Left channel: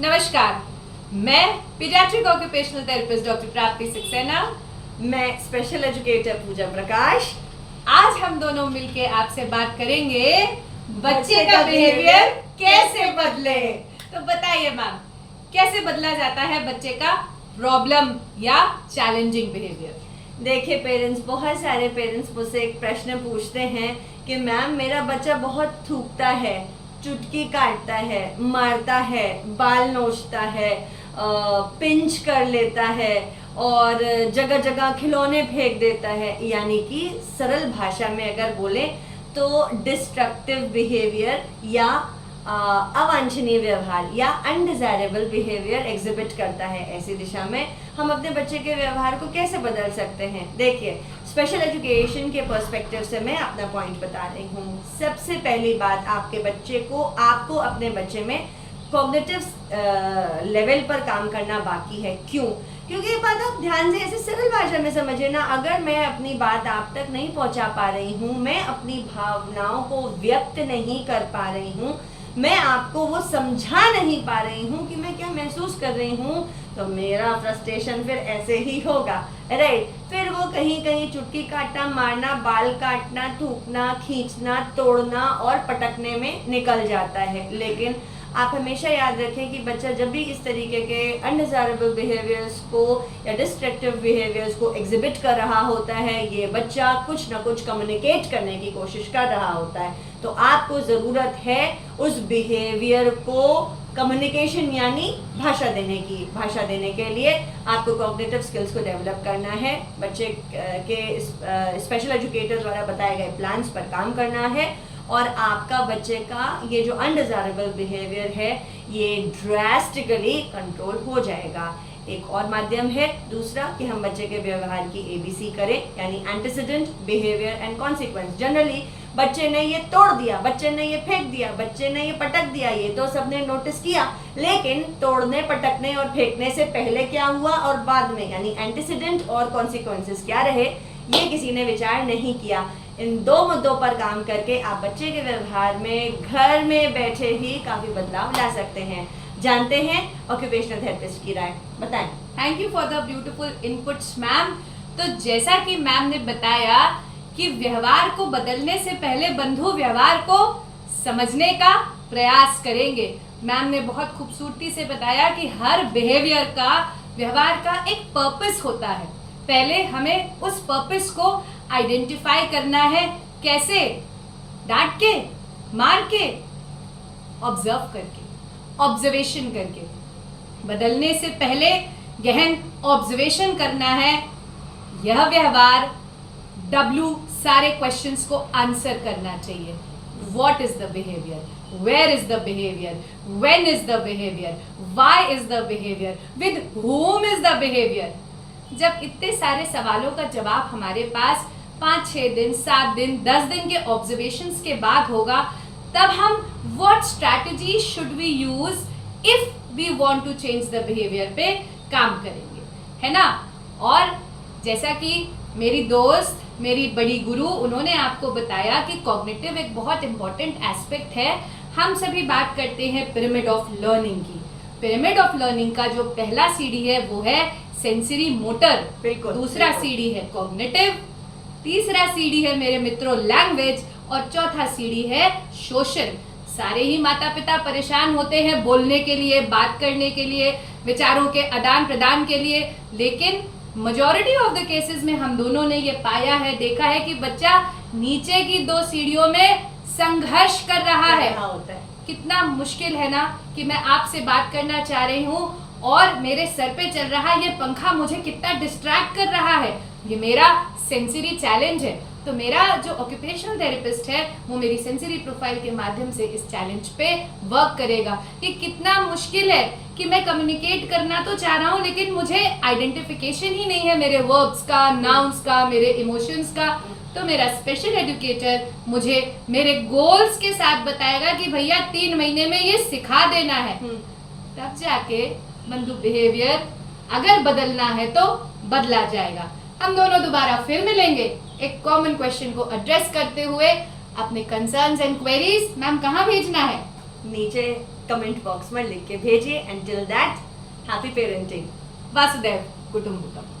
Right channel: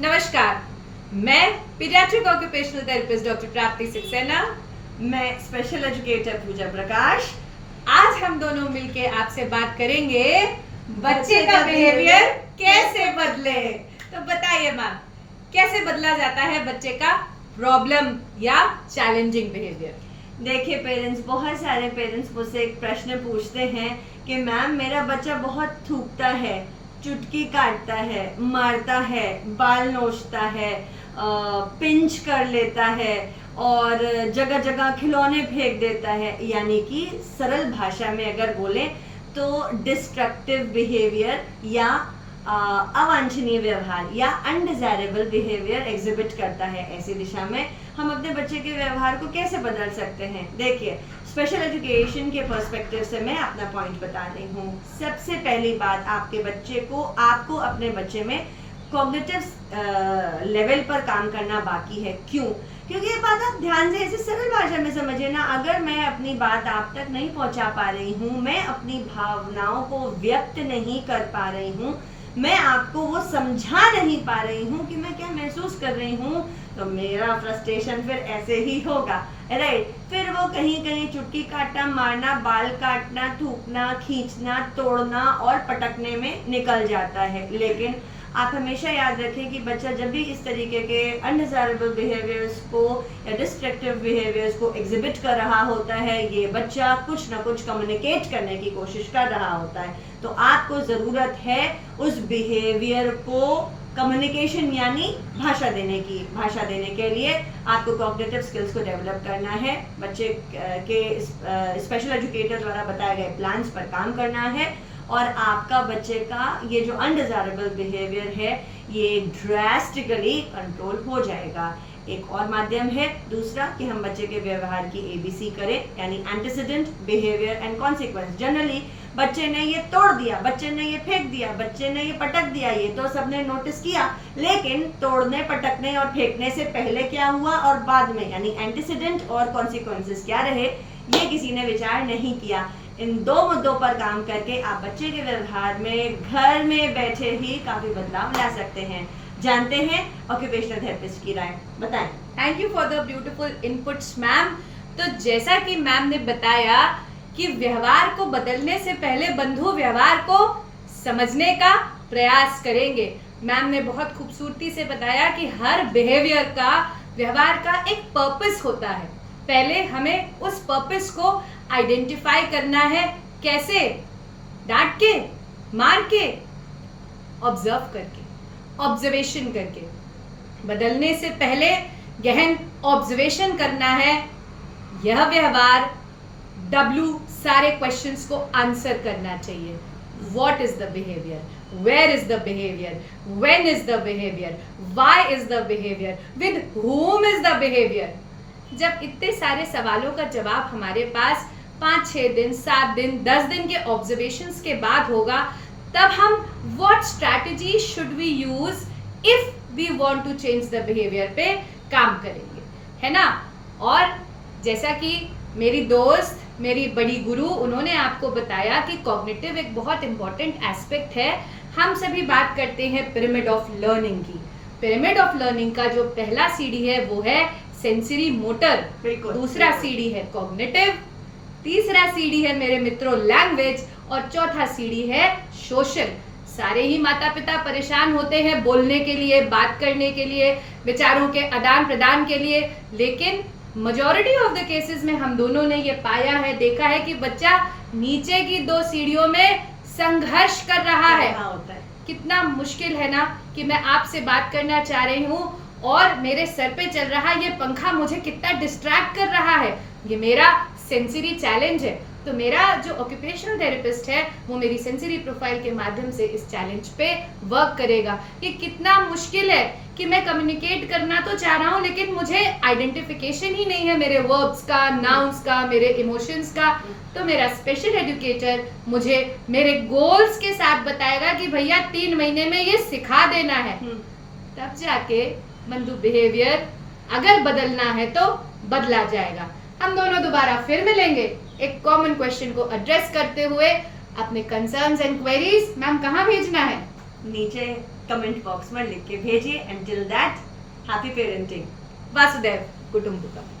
नमस्कार, मैं paediatric occupational therapist doctor प्राप्ति सक्सेना। मैं स्पेशल एजुकेटर पूजा प्रकाश। आज हम दोनों मिलके आपसे बात करेंगे बच्चे का बिहेवियर कैसे बदले। तो बताइए मैम, कैसे बदला जाता है बच्चे का प्रॉब्लम या चैलेंजिंग बिहेवियर? देखिए पेरेंट्स, बहुत सारे पेरेंट्स मुझसे एक प्रश्न पूछते हैं कि मैम मेरा बच्चा बहुत थूकता है, चुटकी काटता है, मारता है, बाल नोचता है, पिंच कर लेता है और जगह जगह खिलौने फेंक देता है। यानी कि सरल भाषा में अगर बोले तो डिस्ट्रक्टिव बिहेवियर या अवांछनीय व्यवहार या अनडिजायरेबल बिहेवियर एग्जिबिट करता है। ऐसी दिशा में हम अपने बच्चे के व्यवहार को कैसे बदल सकते हैं? देखिए, स्पेशल एजुकेशन के पर्सपेक्टिव से मैं अपना पॉइंट बता रही हूँ। सबसे पहली बात, आपको अपने बच्चे में कॉग्निटिव लेवल पर काम करना बाकी है। क्यों? क्योंकि ये बात आप ध्यान से ऐसे सरल भाषा में समझिए ना। अगर मैं अपनी बात आप तक नहीं पहुंचा पा रही हूँ, मैं अपनी भावनाओं को व्यक्त नहीं कर पा रही हूँ, मैं आपको वो समझा नहीं पा रही हूँ कि मैं क्या महसूस कर रही हूँ, तो मेरा फ्रस्ट्रेशन फिर ऐसे ही होगा, राइट? फिर वो कहीं कहीं चुटकी काटना, मारना, बाल काटना, थूकना, खींचना, तोड़ना और पटकने में निकल जाता है। लेकिन आप हमेशा याद रखें कि बच्चा जब भी इस तरीके के अनडिजायरेबल बिहेवियर्स को या डिस्ट्रक्टिव बिहेवियर्स को एग्जिबिट कर रहा होता है, ये बच्चा कुछ ना कुछ कम्युनिकेट करने की कोशिश कर रहा होता है। तो आपको ज़रूरत है उस बिहेवियर को कम्युनिकेशन यानी भाषा देने के लिए आपको कॉग्निटिव स्किल्स को डेवलप करना है। बच्चे के स्पेशल एजुकेटर द्वारा बताए गए प्लान्स पर काम करना है और आपका बच्चे का ये जो अनडिजायरेबल बिहेवियर है ये ड्रास्टिकली कंट्रोल हो जाएगा। एक और माध्यम है दूसरा कि हम बच्चे के व्यवहार की ABC करें, यानी antecedent, behaviour and consequence. Generally बच्चे ने ये तोड़ दिया, बच्चे ने ये फेंक दिया, बच्चे ने ये पटक दिया, ये तो सबने नोटिस किया, लेकिन तोड़ने, पटकने और फेंकने से पहले क्या हुआ और बाद में, यानी एंटीसीडेंट और कॉन्सिक्वेंसेस क्या रहे, ये किसी ने विचार नहीं किया। इन दो मुद्दों पर काम करके आप बच्चे के व्यवहार में घर में बैठे ही काफी बदलाव ला सकते हैं। जानते हैं ऑक्यूपेशनल थेरेपिस्ट की राय, बताएं। Thank you for the beautiful inputs ma'am. तो जैसा कि मैम ने बताया कि व्यवहार को बदलने से पहले बंधु व्यवहार को समझने का प्रयास करेंगे। मैम ने बहुत खूबसूरती से बताया कि हर बिहेवियर का, व्यवहार का एक पर्पस होता है। पहले हमें उस पर्पस को आइडेंटिफाई करना है। कैसे? डांट के, मार के, ऑब्जर्व करके, ऑब्जर्वेशन करके। बदलने से पहले गहन ऑब्जर्वेशन करना है। यह व्यवहार W सारे क्वेश्चंस को आंसर करना चाहिए। What is the behavior? Where is the behavior? When is the behavior? Why is the behavior? With whom is the behavior? जब इतने सारे सवालों का जवाब हमारे पास 5-6 दिन, 7 दिन, 10 दिन के ऑब्जर्वेशंस के बाद होगा, तब हम what strategy should we use if we want to change the behavior पे काम करेंगे, है ना? और जैसा कि मेरी दोस्त, मेरी बड़ी गुरु, उन्होंने आपको बताया कि कॉग्निटिव एक बहुत इंपॉर्टेंट एस्पेक्ट है। हम सभी बात करते हैं पिरामिड ऑफ लर्निंग की। पिरामिड ऑफ लर्निंग का जो पहला सीढ़ी है वो है सेंसरी मोटर, दूसरा सीढ़ी है कॉग्निटिव, तीसरा सीढ़ी है मेरे मित्रों लैंग्वेज और चौथा सीढ़ी है सोशल। सारे ही माता पिता परेशान होते हैं बोलने के लिए, बात करने के लिए, विचारों के आदान प्रदान के लिए, लेकिन मेजॉरिटी ऑफ द केसेस में हम दोनों ने ये पाया है, देखा है कि बच्चा नीचे की 2 सीढ़ियों में संघर्ष कर रहा है। कितना मुश्किल है ना कि मैं आपसे बात करना चाह रही हूँ और मेरे सर पे चल रहा ये पंखा मुझे कितना डिस्ट्रैक्ट कर रहा है। ये मेरा सेंसरी चैलेंज है। तो मेरा जो ऑक्यूपेशनल थेरेपिस्ट है वो मेरी सेंसरी प्रोफाइल के माध्यम से इस चैलेंज पे वर्क करेगा कि कितना मुश्किल है कि मैं कम्युनिकेट करना तो चाह रहा हूँ लेकिन मुझे आइडेंटिफिकेशन ही नहीं है मेरे वर्ब्स का, नाउन्स का, मेरे इमोशंस का। तो मेरा स्पेशल एजुकेटर मुझे मेरे गोल्स के साथ बताएगा कि भैया 3 महीने में ये सिखा देना है। तब जाके बंधु बिहेवियर अगर बदलना है तो बदला जाएगा। हम दोनों दोबारा फिर मिलेंगे एक कॉमन क्वेश्चन को एड्रेस करते हुए। अपने कंसर्न्स एंड क्वेरीज मैम कहाँ भेजना है? नीचे कमेंट बॉक्स में लिख के भेजिए and till that happy parenting वासुदेव कुटुंबकम.